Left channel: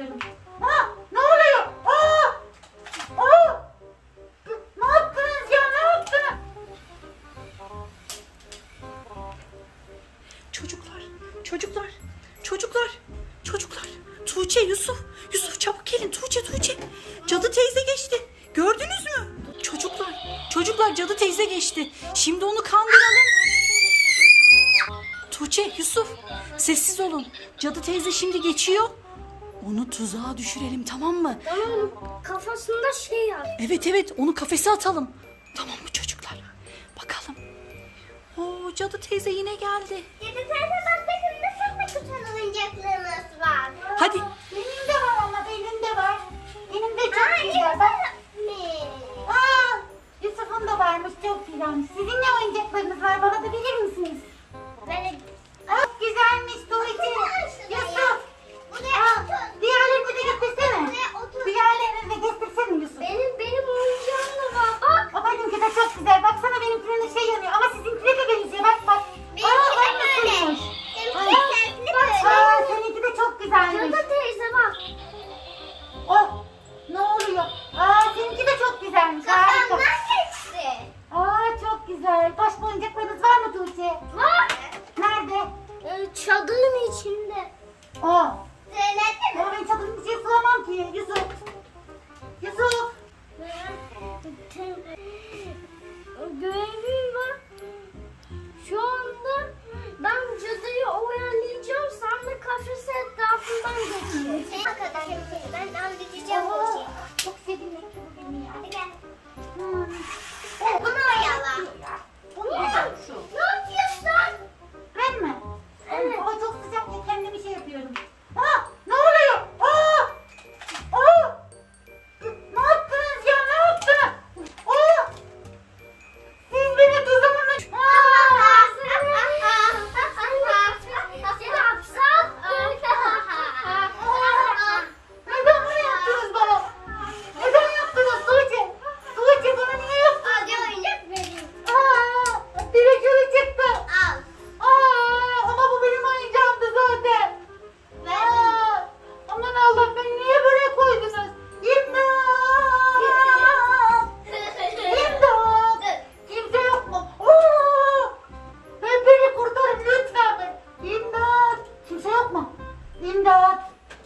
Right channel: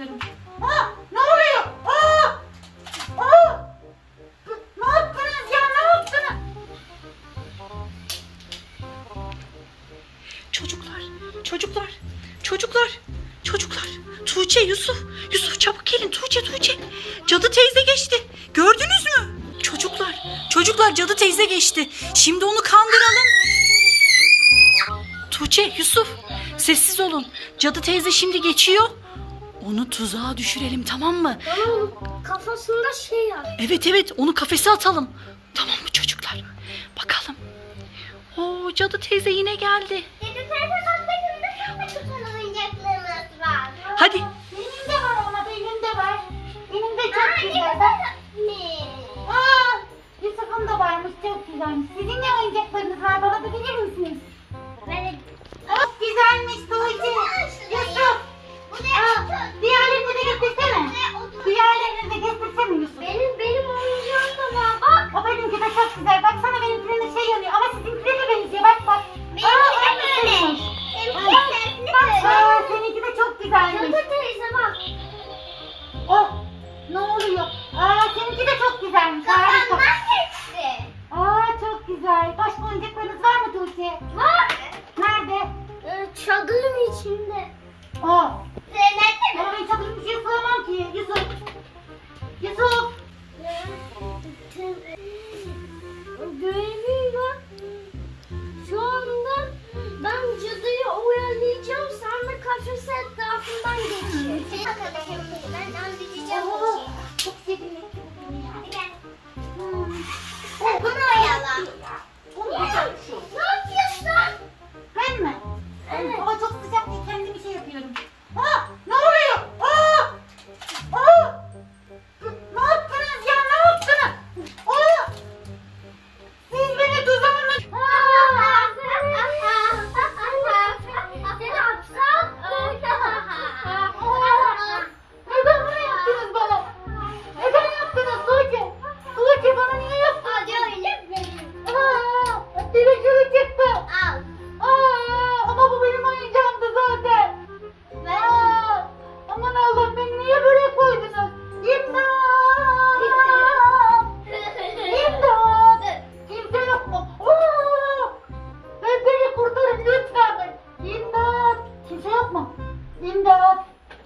gidelim. Aa, ne oluyor? Aa, aa. Ne yaptınız ya? Ne yaptınız? Çocuklar, çocuklar, çocuklar, çocuklar. Tuğçe, Yusuf, Yusuf çabuk gelin. Tuğçe, Tuğçe. Cadı teyze geçti. Gördünüz mü? Çocuklar, çocuklar cadı teyze geçti. Şimdi onu kandıralım. Tuğçe, Yusuf sessiz olun. Cadı teyze şimdi geçiyor. Onu tuzağa düşürelim tamam mı? Onun kafasında şey yap. Evet evet onu kafese atalım. Tamam mı çocuklar? Bakalım. Oo cadı teyze yine geldi. Dedi teyze bak benim de çok oyuncaklarımız var. Hadi. Benim de var ama benim de var. Benim de çok Aa, güzel. Bak. Aa, Yusuf'un da varmış çok güzelmiş. Sizin ne oyuncaklarınız var bana güzelmiş. Harika. Kafamdan geçti. Aa, çok güzel. Başka oyuncaklarınız var mı Tuğçe? Var. Nerede? Ee, Çadırın içinde. Aa,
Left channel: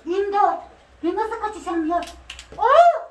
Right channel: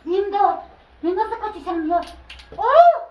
24. Gün nasıl kaçacağım ya? Oo!